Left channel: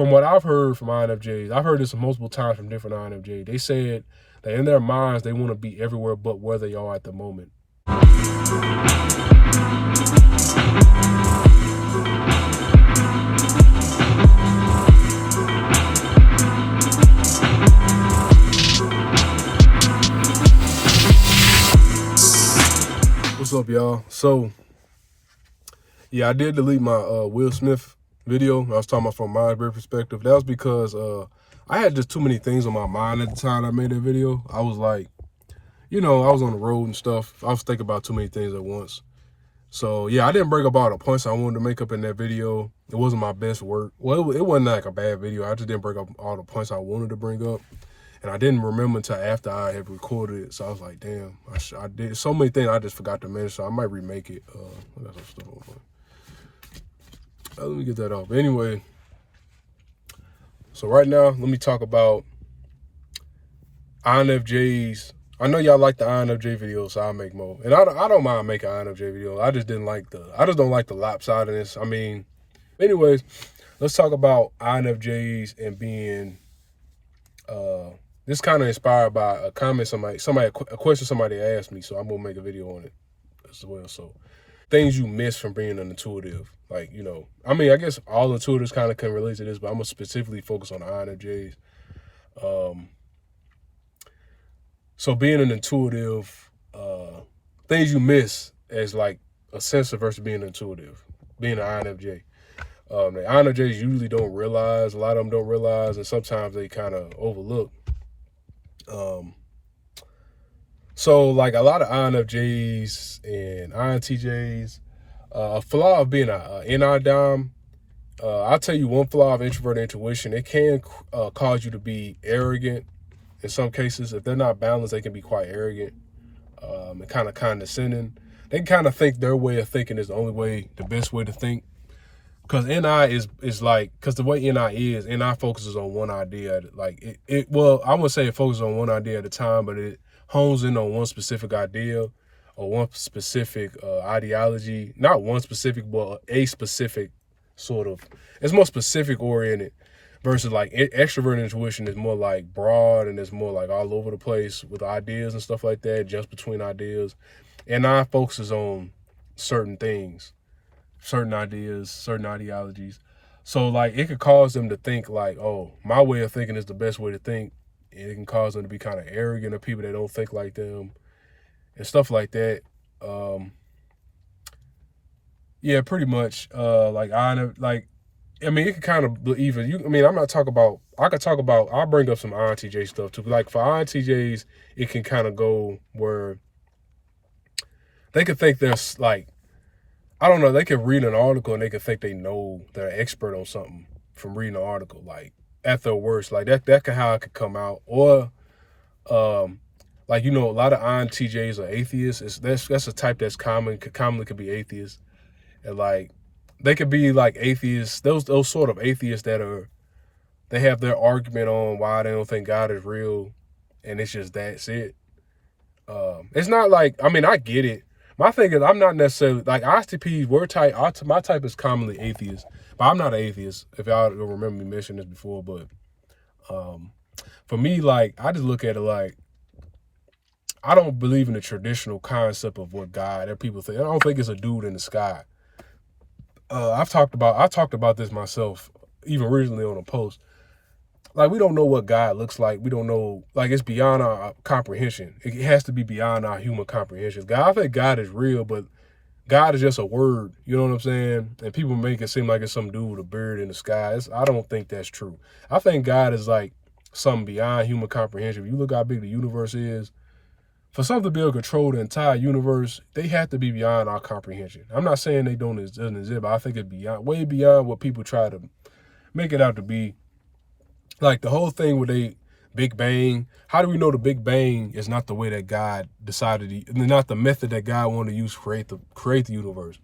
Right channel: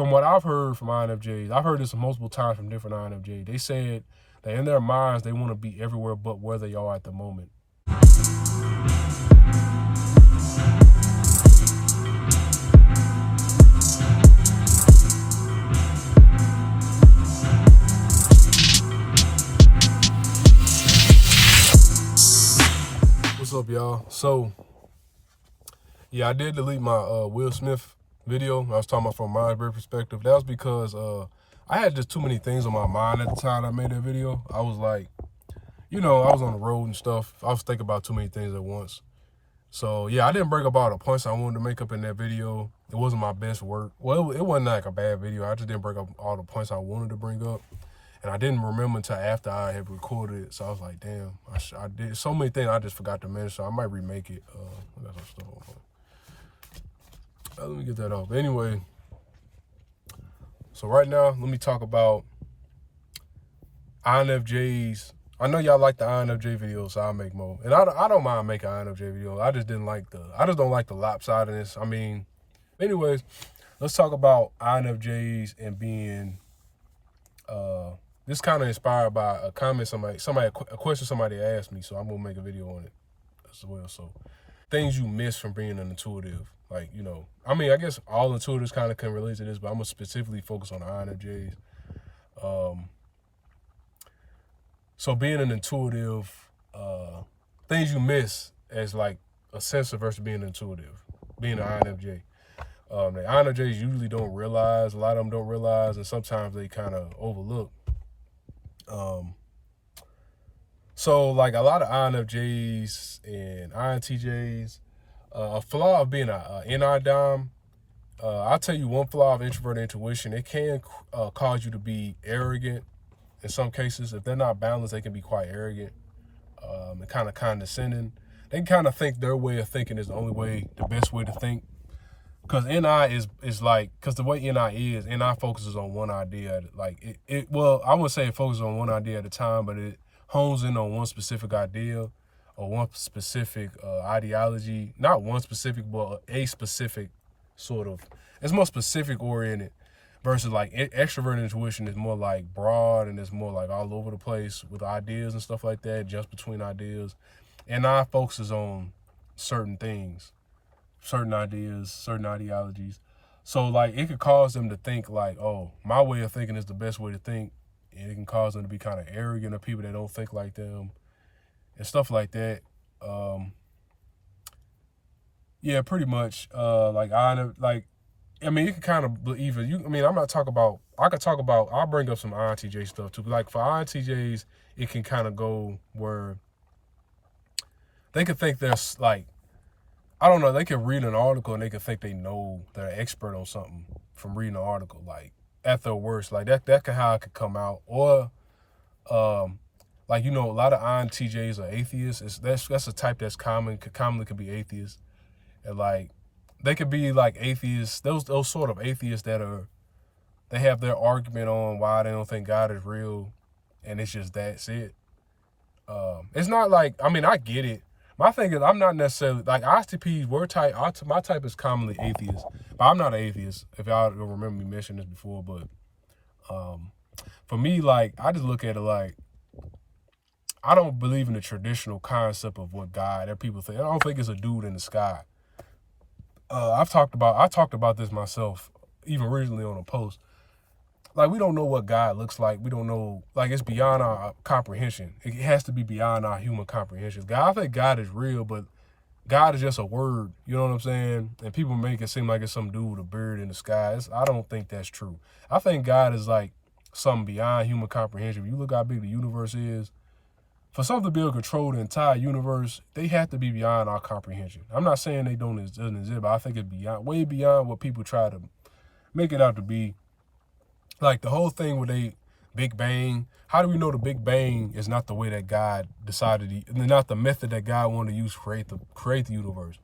from what I've heard from INFJs, I've heard this multiple times from different INFJs. They said that in their minds, they want to be everywhere but where they are at the moment. What's up, y'all? So, yeah, I did delete my Will Smith video. I was talking about from my perspective. That was because I had just too many things on my mind at the time I made that video. I was like, you know, I was on the road and stuff. I was thinking about too many things at once. So, yeah, I didn't bring up all the points I wanted to make up in that video. It wasn't my best work. Well, it wasn't like a bad video. I just didn't bring up all the points I wanted to bring up. And I didn't remember until after I had recorded it. So I was like, damn, I did so many things I just forgot to mention. So I might remake it. I got some stuff on. Let me get that off. Anyway, so right now, let me talk about INFJs. I know y'all like the INFJ videos, so I'll make more. And I don't mind making INFJ videos. I just don't like the lopsidedness. I mean, anyways, let's talk about INFJs and being, this kind of inspired by a comment a question somebody asked me, so I'm gonna make a video on it as well. So, things you miss from being an intuitive, like, you know, I mean, I guess all intuitives kind of can relate to this, but I'm gonna specifically focus on the INFJs. So being an intuitive, things you miss as like a sensor versus being intuitive, being an INFJ. The INFJs usually don't realize, a lot of them don't realize, and sometimes they kind of overlook. So like a lot of INFJs and INTJs, a flaw of being a NI-dom, I'll tell you one flaw of introverted intuition, it can cause you to be arrogant. In some cases, if they're not balanced, they can be quite arrogant and kind of condescending. They can kind of think their way of thinking is the best way to think. Because NI is like, because the way NI focuses on one idea. Like, well, I would say it focuses on one idea at a time, but it hones in on one specific idea or one specific ideology. Not one specific, but a specific sort of, it's more specific oriented. Versus like extroverted intuition is more like broad and it's more like all over the place with ideas and stuff like that, just between ideas. And I focuses on certain things, certain ideas, certain ideologies. So like it could cause them to think like, oh, my way of thinking is the best way to think. And it can cause them to be kind of arrogant of people that don't think like them and stuff like that. Yeah, pretty much. I mean, it could kind of even, I'll bring up some INTJ stuff too. Like for INTJs, it can kind of go where they could think there's like, I don't know, they could read an article and they could think they know they're an expert on something from reading an article, like at their worst, like that could how it could come out. Or, like, you know, a lot of INTJs are atheists. That's a type that's commonly could be atheists. And like, they could be like atheists, those sort of atheists that they have their argument on why they don't think God is real, and it's just that's it. It's not like, I mean, I get it. My thing is, I'm not necessarily, like ISTPs, my type is commonly atheist, but I'm not an atheist, if y'all remember me mentioning this before, but for me, like, I just look at it like, I don't believe in the traditional concept of what God, that people think. I don't think it's a dude in the sky. I talked about this myself, even recently on a post. Like, we don't know what God looks like. We don't know, like, it's beyond our comprehension. It has to be beyond our human comprehension. I think God is real, but God is just a word, you know what I'm saying? And people make it seem like it's some dude with a bird in the sky. I don't think that's true. I think God is like something beyond human comprehension. If you look how big the universe is, for something to be able to control the entire universe, they have to be beyond our comprehension. I'm not saying they don't exist, but I think it's way beyond what people try to make it out to be. Like the whole thing with the Big Bang, how do we know the Big Bang is not the way that God decided, not the method that God wanted to use to create the universe?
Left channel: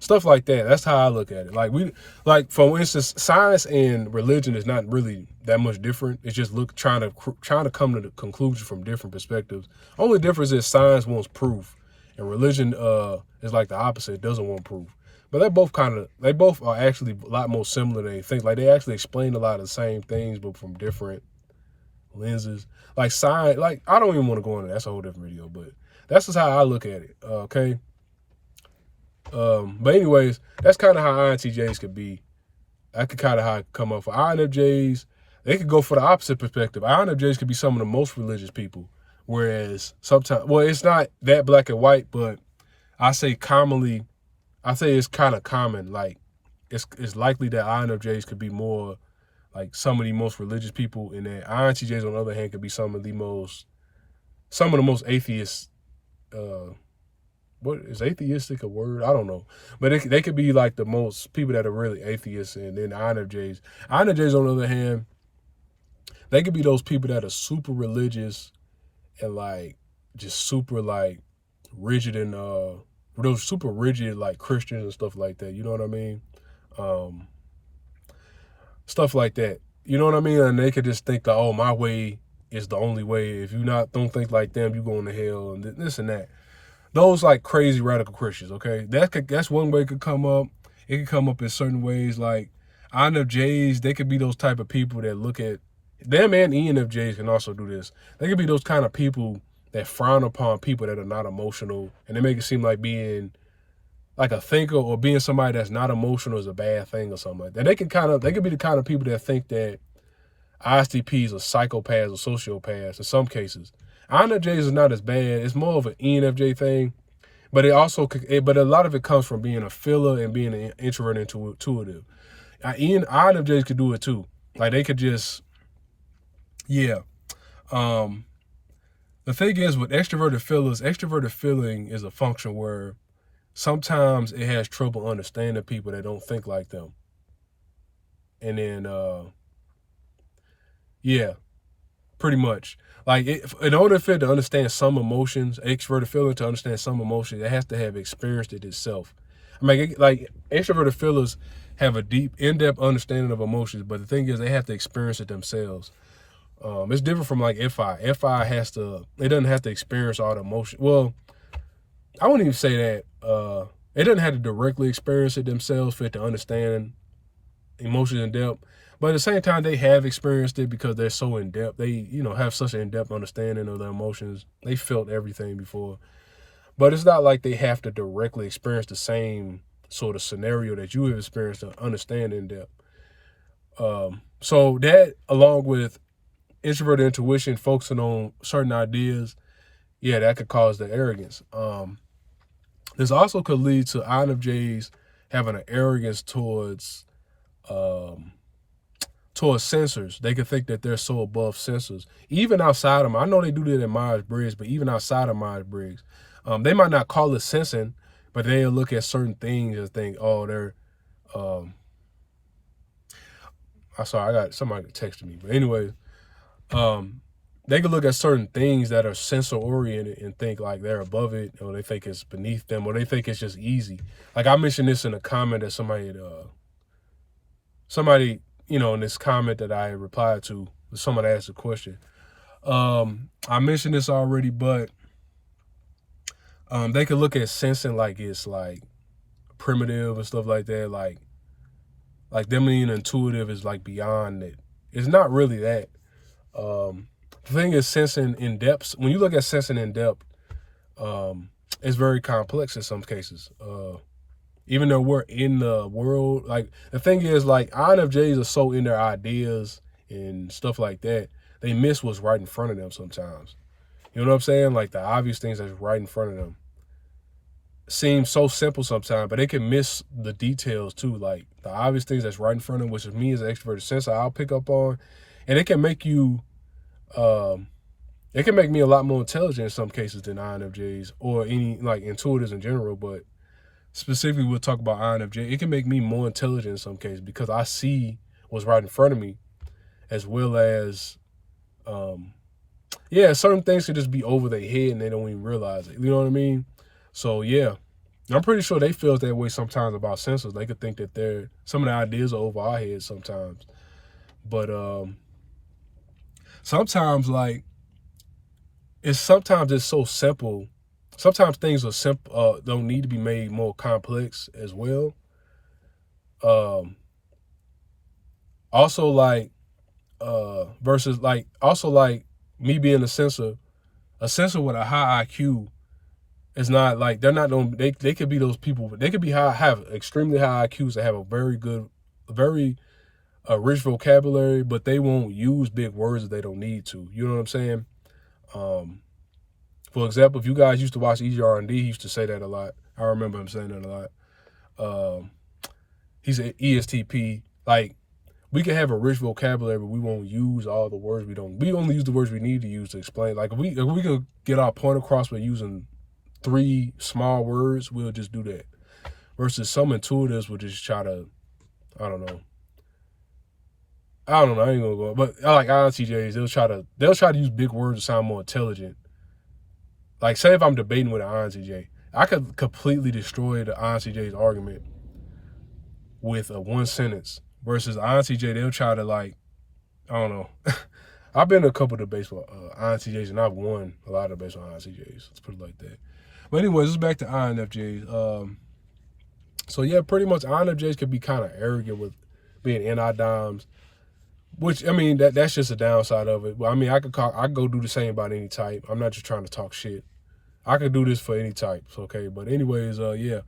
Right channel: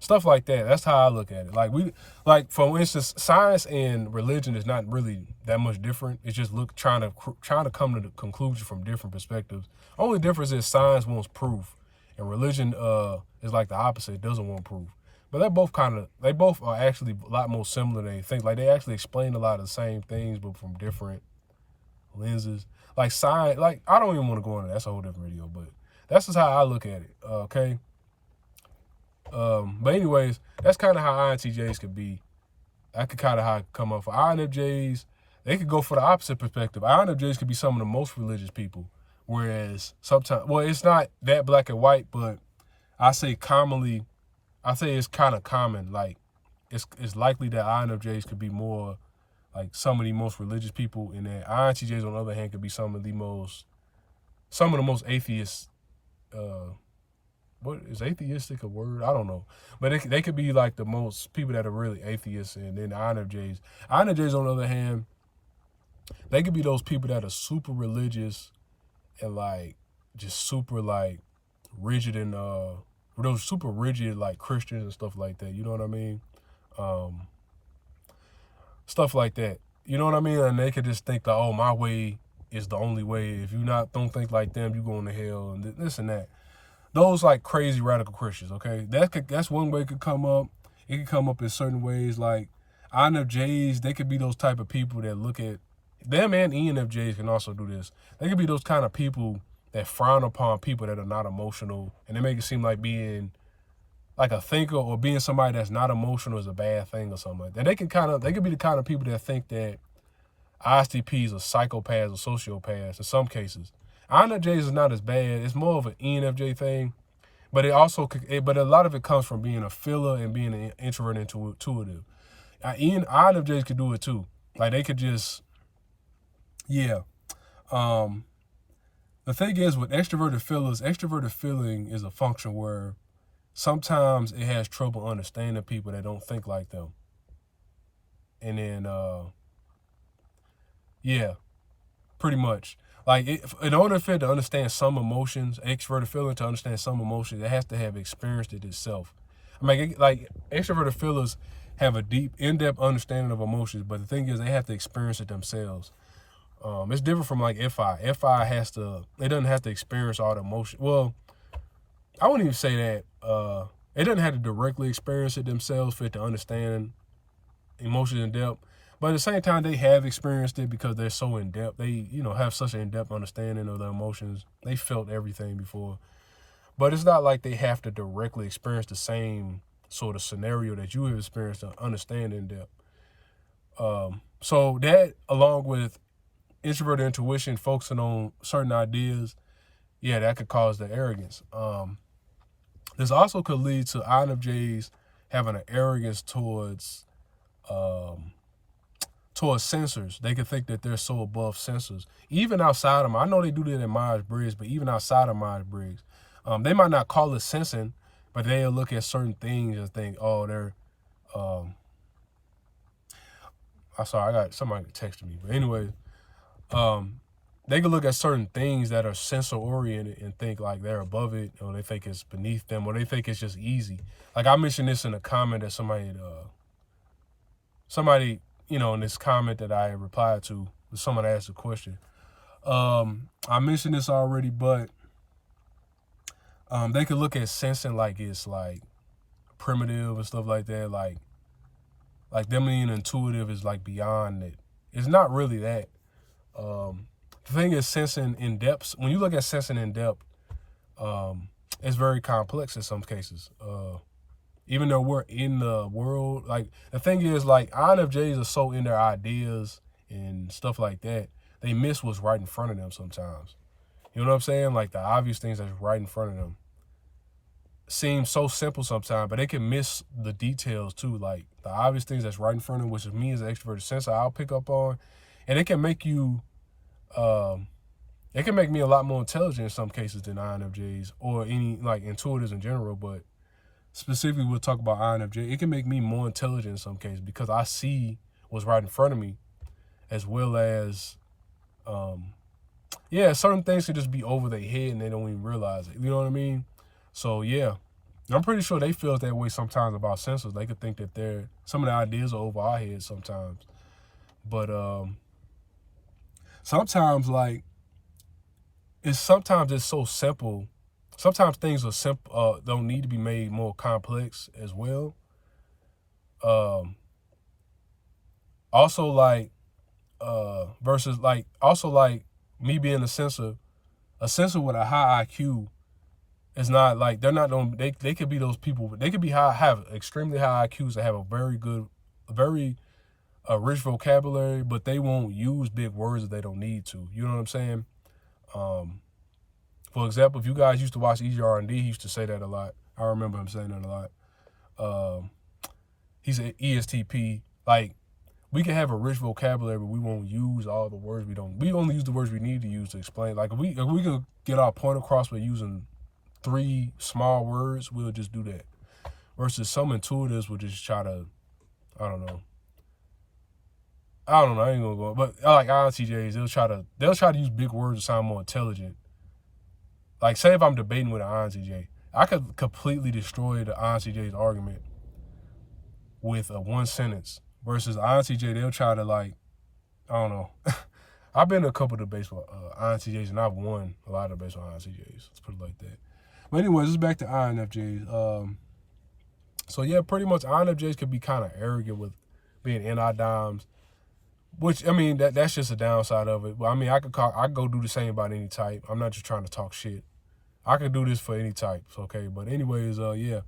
Stuff like that. That's how I look at it. Like for instance, science and religion is not really that much different. It's just trying to come to the conclusion from different perspectives. Only difference is science wants proof, and religion is like the opposite. It doesn't want proof. But they both are actually a lot more similar than they think. Like they actually explain a lot of the same things, but from different lenses. Like science, like I don't even want to go into that. That's a whole different video, but that's just how I look at it. Okay. But anyways, that's kind of how INTJs could be. That could kind of how it come up for INFJs. They could go for the opposite perspective. INFJs could be some of the most religious people, whereas sometimes, well, it's not that black and white, but I say it's kind of common. Like it's likely that INFJs could be more like some of the most religious people, and then INTJs on the other hand could be some of the most atheists. What is atheistic a word? I don't know, but they could be like the most people that are really atheists, and then INFJs. INFJs on the other hand, they could be those people that are super religious and like just super like rigid and those super rigid like Christians and stuff like that. You know what I mean? Stuff like that. You know what I mean? And they could just think that, oh, my way is the only way. If you don't think like them, you going to hell and this and that. Those like crazy radical Christians, okay? That's one way it could come up. It could come up in certain ways. Like INFJs, they could be those type of people that look at them, and ENFJs can also do this. They could be those kind of people that frown upon people that are not emotional, and they make it seem like being like a thinker or being somebody that's not emotional is a bad thing or something like that. They could be the kind of people that think that ISTPs are psychopaths or sociopaths in some cases. INFJs is not as bad. It's more of an ENFJ thing, but but a lot of it comes from being a filler and being an introvert intuitive. INFJs could do it too. Like they could just, yeah. The thing is with extroverted feeling is a function where sometimes it has trouble understanding people that don't think like them. And then, yeah, pretty much. Like, in order for it to understand some emotions, extroverted feeling to understand some emotions, it has to have experienced it itself. I mean, like, extroverted feelers have a deep, in-depth understanding of emotions, but the thing is, they have to experience it themselves. It's different from, like, FI. It doesn't have to experience all the emotion. Well, I wouldn't even say that. It doesn't have to directly experience it themselves for it to understand emotions in depth. But at the same time, they have experienced it because they're so in depth. They, have such an in-depth understanding of their emotions. They felt everything before. But it's not like they have to directly experience the same sort of scenario that you have experienced to understand in depth. So that, along with introverted intuition, focusing on certain ideas, yeah, that could cause the arrogance. This also could lead to INFJs having an arrogance towards sensors. They could think that they're so above sensors. Even outside of them, I know they do that in Myers-Briggs, but even outside of Myers-Briggs, they might not call it sensing, but they'll look at certain things and think, oh, they're, I'm sorry, I got somebody texting me. But anyway, they can look at certain things that are sensor oriented and think like they're above it, or they think it's beneath them, or they think it's just easy. Like I mentioned this in a comment that somebody, in this comment that I replied to, someone asked a question. I mentioned this already, but they could look at sensing like it's like primitive and stuff like that. Like them being intuitive is like beyond it. It's not really that. The thing is, sensing in depth, when you look at sensing in depth, it's very complex in some cases. Even though we're in the world, like the thing is, like INFJs are so in their ideas and stuff like that, they miss what's right in front of them sometimes. You know what I'm saying? Like the obvious things that's right in front of them seem so simple sometimes, but they can miss the details too. Like the obvious things that's right in front of them, which is me as an extroverted sensor, I'll pick up on, and it can make you, it can make me a lot more intelligent in some cases than INFJs or any like intuitives in general, but specifically, we'll talk about INFJ. It can make me more intelligent in some cases because I see what's right in front of me, as well as, certain things can just be over their head and they don't even realize it. You know what I mean? So, yeah, I'm pretty sure they feel that way sometimes about sensors. They could think that some of the ideas are over our heads sometimes. But sometimes, like, it's so simple. Sometimes things are simple, don't need to be made more complex as well. Also like versus like also like me being a sensor with a high IQ is not like they're not they could be those people. They could be have extremely high IQs that have a very good, very rich vocabulary, but they won't use big words that they don't need to. You know what I'm saying? For example, if you guys used to watch EGR&D, he used to say that a lot. I remember him saying that a lot. He's an ESTP. Like, we can have a rich vocabulary, but we won't use all the words we don't. We only use the words we need to use to explain. Like, if we could get our point across by using 3 small words, we'll just do that. Versus some intuitives will just try to, I don't know. I ain't gonna go, but I like INTJs. They'll try to use big words to sound more intelligent. Like, say if I'm debating with an INTJ, I could completely destroy the INTJ's argument with a 1 sentence. Versus INTJ, they'll try to, like, I don't know. I've been to a couple debates with INTJs, and I've won a lot of debates with INTJs. Let's put it like that. But anyways, let's back to INFJs. So yeah, pretty much INFJs could be kind of arrogant with being NI-DOMs, which, I mean, that's just a downside of it. But I mean, I could go do the same about any type. I'm not just trying to talk shit. I could do this for any types, okay? But anyways, yeah.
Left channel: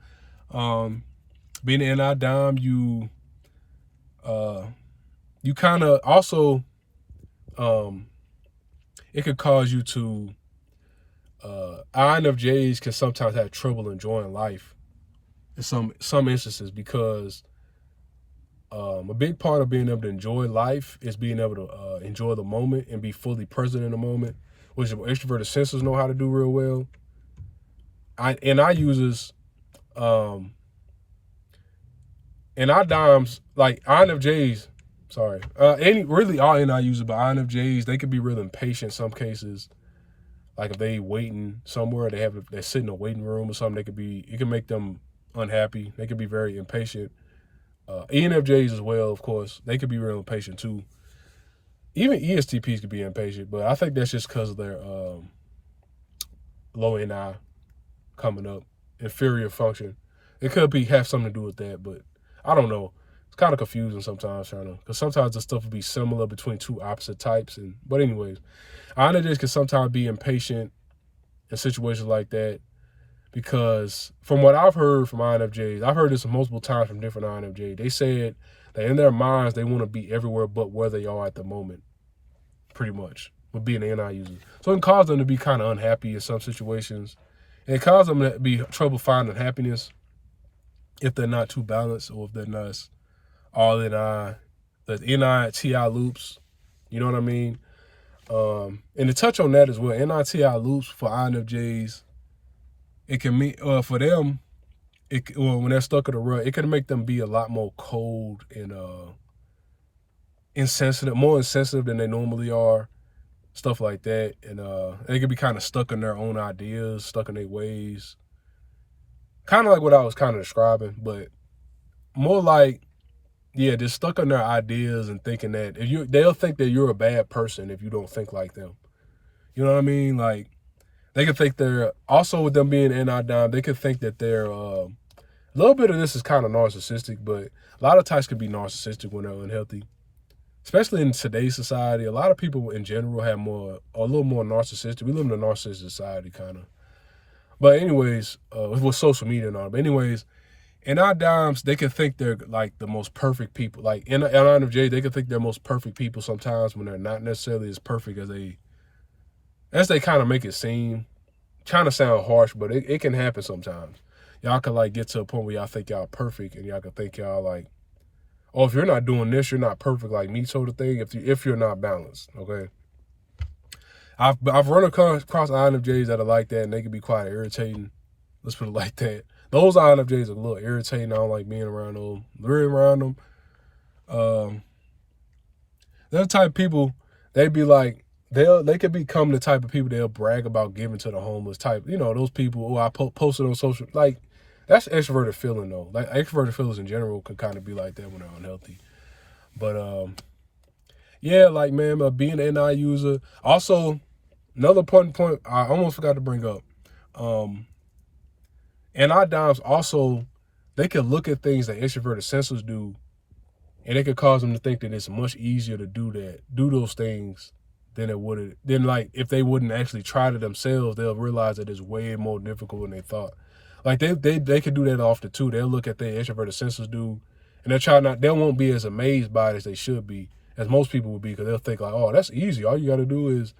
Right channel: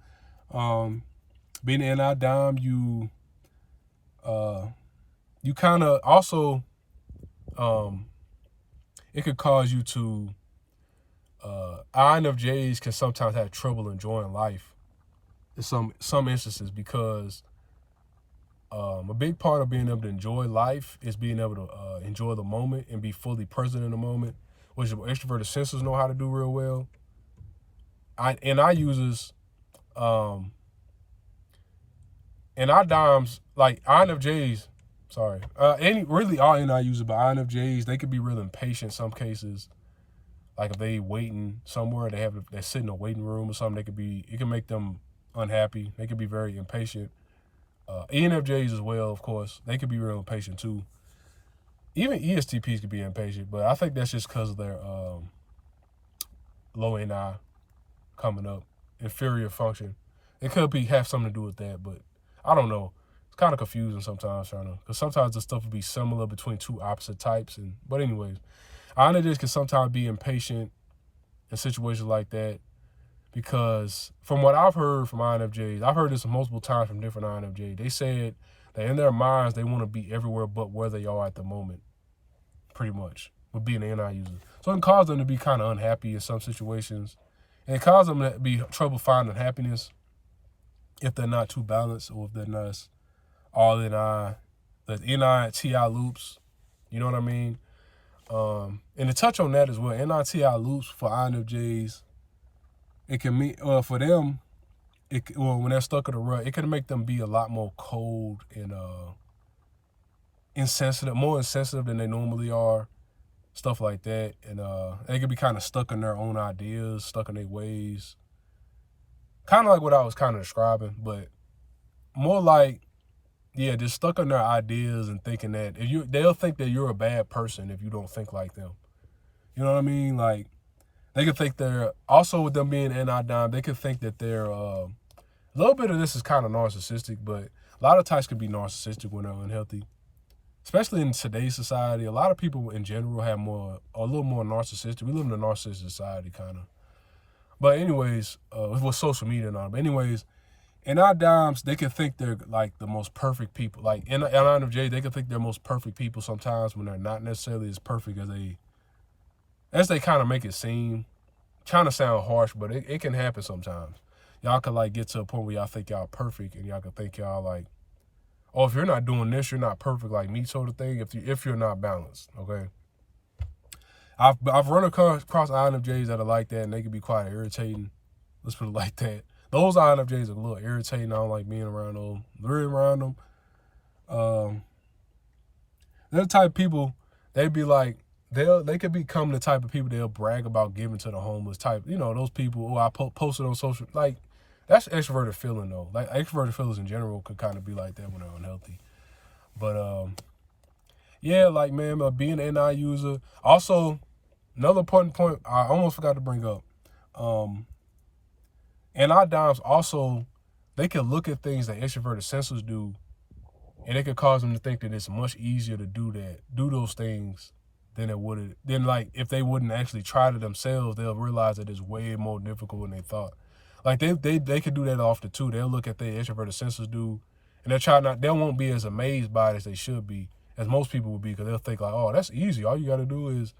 Being an NI-DOM, you kind of also, it could cause you to, INFJs can sometimes have trouble enjoying life in some instances, because a big part of being able to enjoy life is being able to enjoy the moment and be fully present in the moment, which extroverted sensors know how to do real well. INFJs, like INFJs, really all NI users, but INFJs, they could be real impatient in some cases. Like, if they waiting somewhere, they sit in a waiting room or something, it can make them unhappy. They could be very impatient. ENFJs as well, of course, they could be real impatient too. Even ESTPs could be impatient, but I think that's just because of their low NI coming up, inferior function. It could have something to do with that, but I don't know. It's kind of confusing sometimes, because sometimes the stuff will be similar between 2 opposite types. But anyways, INFJs can sometimes be impatient in situations like that, because from what I've heard from INFJs, I've heard this multiple times from different INFJs, they said that in their minds, they want to be everywhere but where they are at the moment, pretty much, with being an NI user. So it can cause them to be kind of unhappy in some situations. And it causes them to be trouble finding happiness if they're not too balanced, or if they're not all NI, the NI-TI loops, you know what I mean? And to touch on that as well, NI-TI loops for INFJs, it can mean, for them, when they're stuck in a rut, it can make them be a lot more cold and insensitive, more insensitive than they normally are, stuff like that. And they can be kind of stuck in their own ideas, stuck in their ways. Kind of like what I was kind of describing, but more like, yeah, just stuck on their ideas and thinking that they'll think that you're a bad person if you don't think like them. You know what I mean? Like, they could think they're, also with them being NI-DOM, they could think that they're, a little bit of this is kind of narcissistic, but a lot of types could be narcissistic when they're unhealthy. Especially in today's society, a lot of people in general have a little more narcissistic. We live in a narcissistic society, kind of. But anyways, with social media and all. But anyways, NI-DOMs, they can think they're like the most perfect people. Like INFJ, they can think they're most perfect people sometimes when they're not necessarily as perfect as they kind of make it seem. Kind of sound harsh, but it can happen sometimes. Y'all can like get to a point where y'all think y'all perfect, and y'all can think y'all like, oh, if you're not doing this, you're not perfect like me, sort of thing. If you're not balanced, okay. I've run across INFJs that are like that, and they can be quite irritating. Let's put it like that. Those INFJs are a little irritating. I don't like being around them. They're the type of people, they be like, they could become the type of people they'll brag about giving to the homeless type. You know, those people who I posted on social, like, that's extroverted feeling though. Like, extroverted feelings in general could kind of be like that when they're unhealthy. But yeah, like, man, being an NI user. Also, another important point I almost forgot to bring up. NI-DOMs also, they can look at things that extroverted sensors do, and it could cause them to think that it's much easier to do those things than like if they wouldn't actually try it themselves. They'll realize that it's way more difficult than they thought. Like they could do that often too. They'll look at the extroverted sensors do, and they won't be as amazed by it as they should be, as most people would be, because they'll think like, oh, that's easy. All you got to do is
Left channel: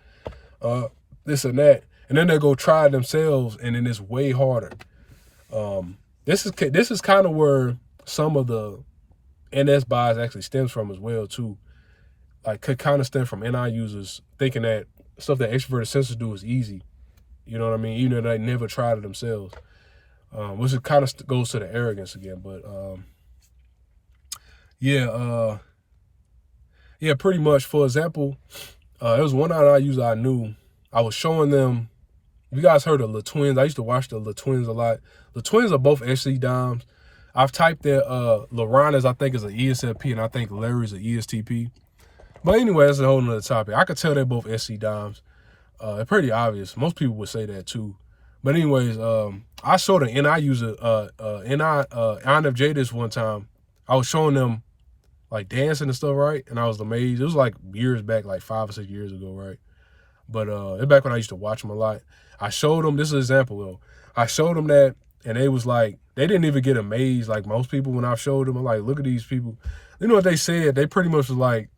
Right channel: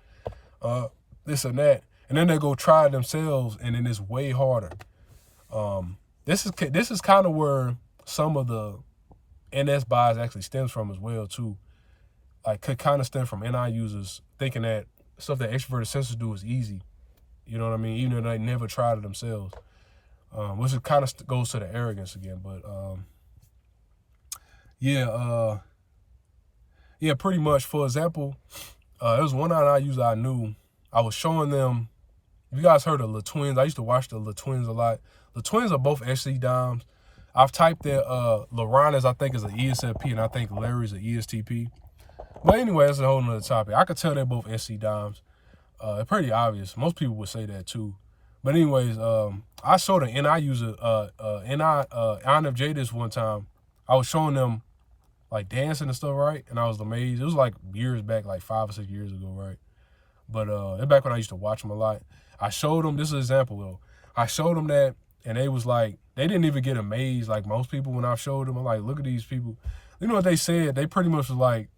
this and that, and then they'll go try it themselves, and then it's way harder. This is kind of where some of the NS bias actually stems from as well too. Like could kind of stem from NI users thinking that stuff that extroverted sensors do is easy. You know what I mean? Even though they never tried it themselves. Which it kind of goes to the arrogance again. But yeah, pretty much. For example, there was one NI user I knew. I was showing them. You guys heard of the Twins? I used to watch the Twins a lot. The Twins are both SC Doms. I've typed that LaRon I think is an ESFP, and I think Larry's an ESTP. But anyway, that's a whole nother topic. I could tell they're both SC Doms. It's pretty obvious. Most people would say that too. But anyways, I showed an NI user, INFJ this one time. I was showing them like dancing and stuff, right? And I was amazed. It was like years back, like 5 or 6 years ago, right? But it's back when I used to watch them a lot. I showed them, this is an example though. I showed them that, and they was like, they didn't even get amazed like most people when I showed them. I'm like, look at these people. You know what they said? They pretty much was like,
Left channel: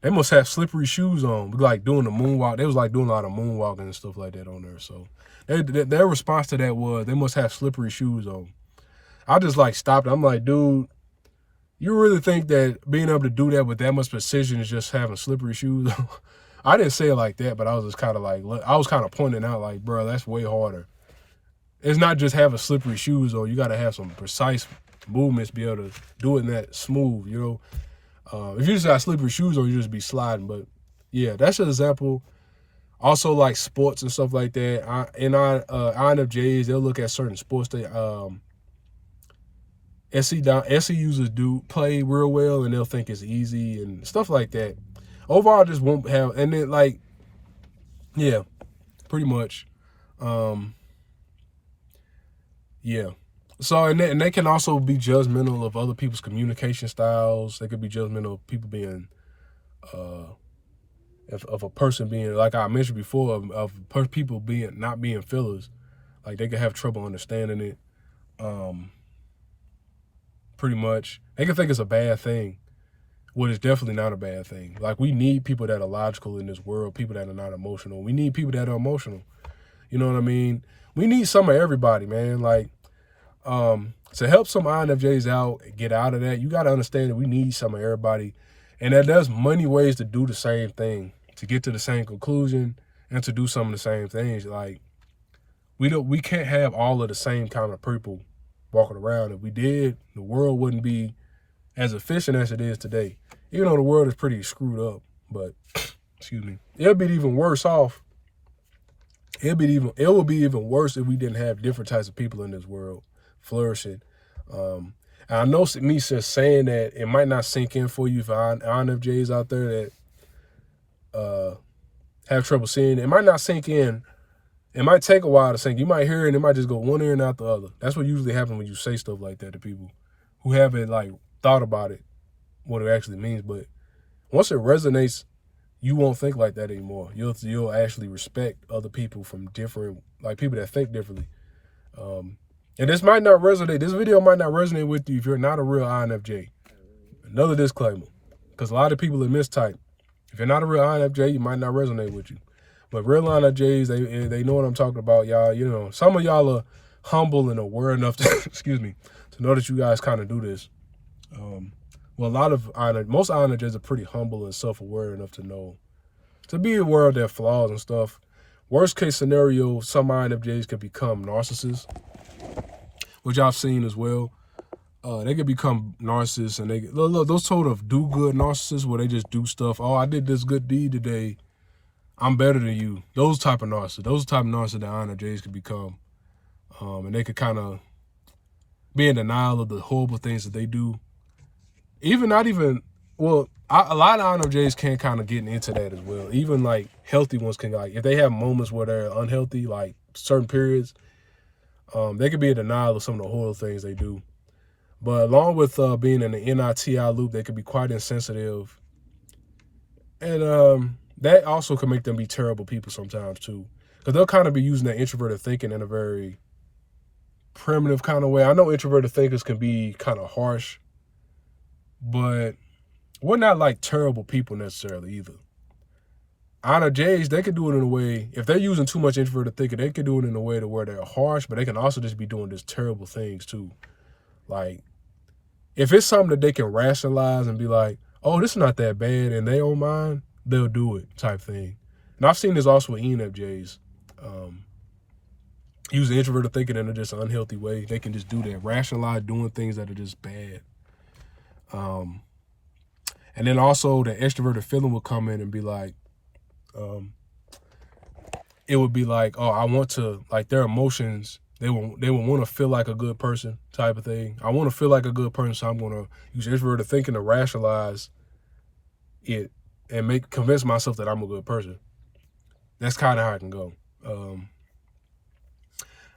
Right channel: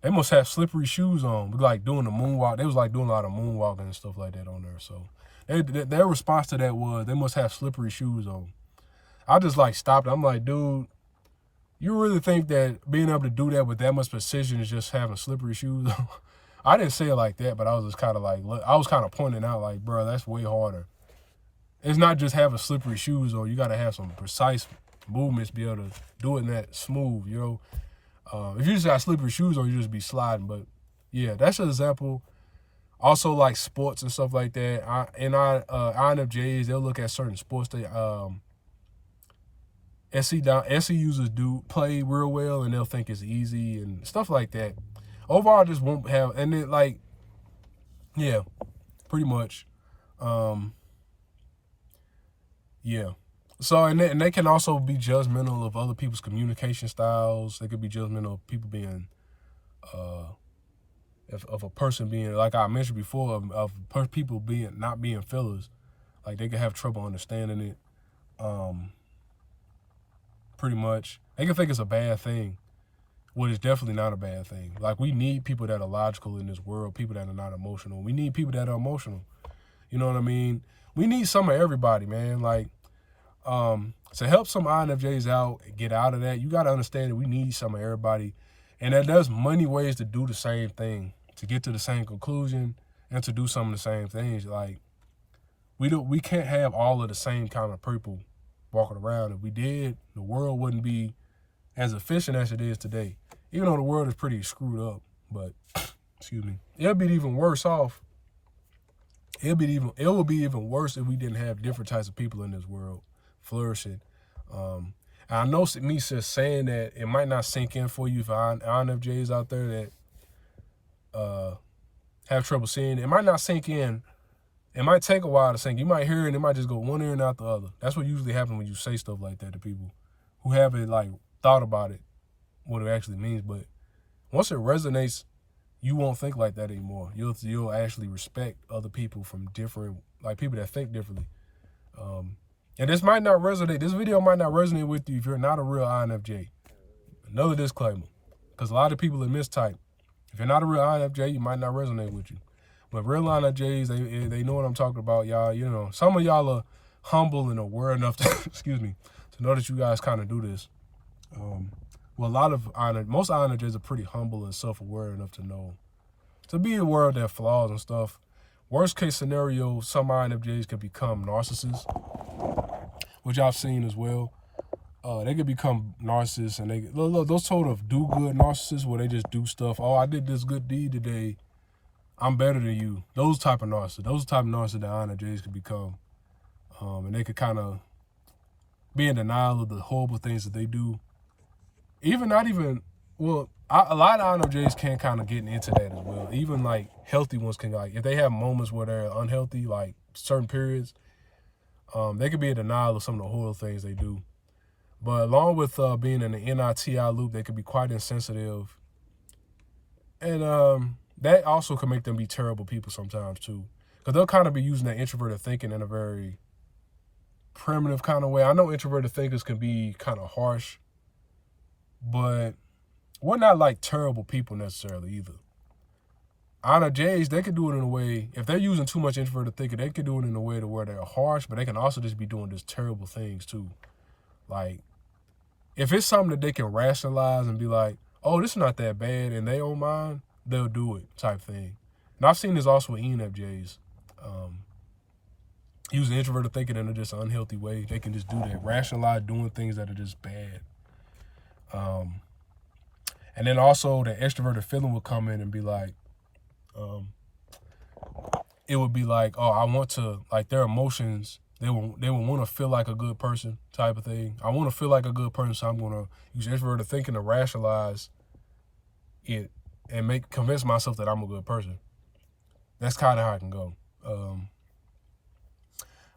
they must have slippery shoes on, like doing the moonwalk. They was like doing a lot of moonwalking and stuff like that on there. So their response to that was they must have slippery shoes on. I just like stopped. I'm like, dude, you really think that being able to do that with that much precision is just having slippery shoes on? I didn't say it like that, but I was just kind of like, I was kind of pointing out like, bro, that's way harder. It's not just having slippery shoes on. You got to have some precise movements to be able to do it in that smooth, you know. If you just got slippery shoes on, you just be sliding. But yeah, that's an example. Also, like sports and stuff like that. INFJs, they'll look at certain sports. SE users do play real well, and they'll think it's easy and stuff like that. Overall, just won't have. And then like, yeah, pretty much. Yeah. So, and they can also be judgmental of other people's communication styles. They could be judgmental of people being, of a person being, like I mentioned before, of people not being fillers. Like they could have trouble understanding it. Pretty much. They can think it's a bad thing, when it's definitely not a bad thing. Like we need people that are logical in this world, people that are not emotional. We need people that are emotional. You know what I mean? We need some of everybody, man. Like, to help some INFJs out, get out of that, you got to understand that we need some of everybody. And that there's many ways to do the same thing, to get to the same conclusion and to do some of the same things. Like, we can't have all of the same kind of people walking around. If we did, the world wouldn't be as efficient as it is today. Even though the world is pretty screwed up, but, excuse me, it'll be even worse off. It would be even worse if we didn't have different types of people in this world flourishing. And I know me just saying that, it might not sink in for you for INFJs out there that have trouble seeing it. It might not sink in. It might take a while to sink. You might hear it and it might just go one ear and out the other. That's what usually happens when you say stuff like that to people who haven't like thought about it, what it actually means. But once it resonates, you won't think like that anymore. You'll actually respect other people from different, like people that think differently. And this might not resonate. This video might not resonate with you if you're not a real INFJ. Another disclaimer, because a lot of people are mistype. If you're not a real INFJ, it might not resonate with you. But real INFJs, they know what I'm talking about, y'all. You know, some of y'all are humble and aware enough to, excuse me, to know that you guys kind of do this. Well, most INFJs are pretty humble and self-aware enough to know, to be aware of their flaws and stuff. Worst case scenario, some INFJs could become narcissists, which I've seen as well. They could become narcissists, and those sort of do-good narcissists where they just do stuff. Oh, I did this good deed today. I'm better than you. Those type of narcissists. Those type of narcissists that INFJs could become. And they could kind of be in denial of the horrible things that they do. A lot of INFJs can kind of get into that as well. Even like healthy ones can, like, if they have moments where they're unhealthy, like certain periods, they could be in denial of some of the horrible things they do. But along with being in the NITI loop, they could be quite insensitive. And that also can make them be terrible people sometimes too. Because they'll kind of be using that introverted thinking in a very primitive kind of way. I know introverted thinkers can be kind of harsh, but we're not like terrible people necessarily either. INFJs, they can do it in a way, if they're using too much introverted thinking, they can do it in a way to where they're harsh, but they can also just be doing just terrible things too. Like, if it's something that they can rationalize and be like, oh, this is not that bad in their own mind, they'll do it type thing. And I've seen this also with ENFJs. Using introverted thinking in a just unhealthy way. They can just do that, rationalize doing things that are just bad. And then also the extroverted feeling will come in and be like, it would be like, oh, I want to, like their emotions, they would want to feel like a good person type of thing. I want to feel like a good person, so I'm going to use introverted thinking to rationalize it and convince myself that I'm a good person. That's kind of how it can go.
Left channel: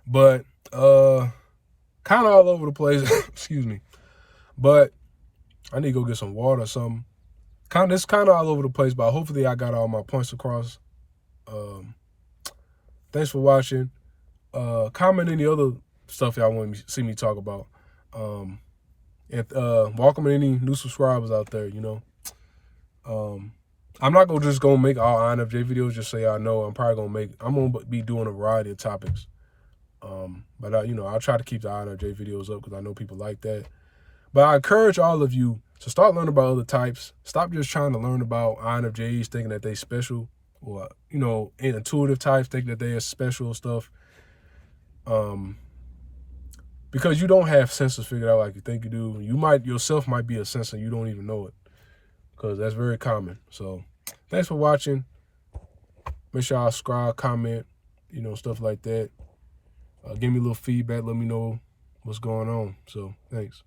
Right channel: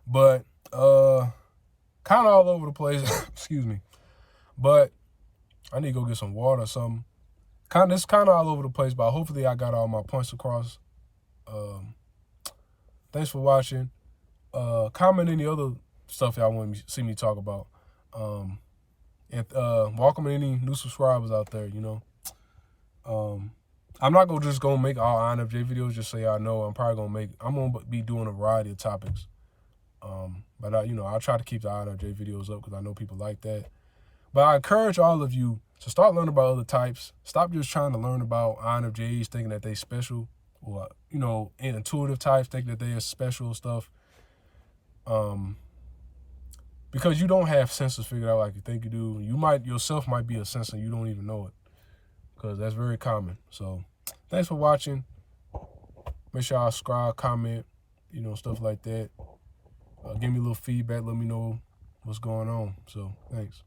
But kind of all over the place. Excuse me. But I need to go get some water or something. It's kind of all over the place, but hopefully I got all my points across. Thanks for watching. Comment any other stuff y'all want to see me talk about. And welcome any new subscribers out there, you know. I'm not just gonna make all INFJ videos just so y'all know. I'm gonna be doing a variety of topics. But I'll try to keep the INFJ videos up because I know people like that. But I encourage all of you to start learning about other types. Stop just trying to learn about INFJs thinking that they special, or intuitive types thinking that they are special stuff. Because you don't have sensors figured out like you think you do. Yourself might be a sensor, you don't even know it. Because that's very common. So thanks for watching. Make sure y'all subscribe, comment, stuff like that. Give me a little feedback. Let me know what's going on. So thanks.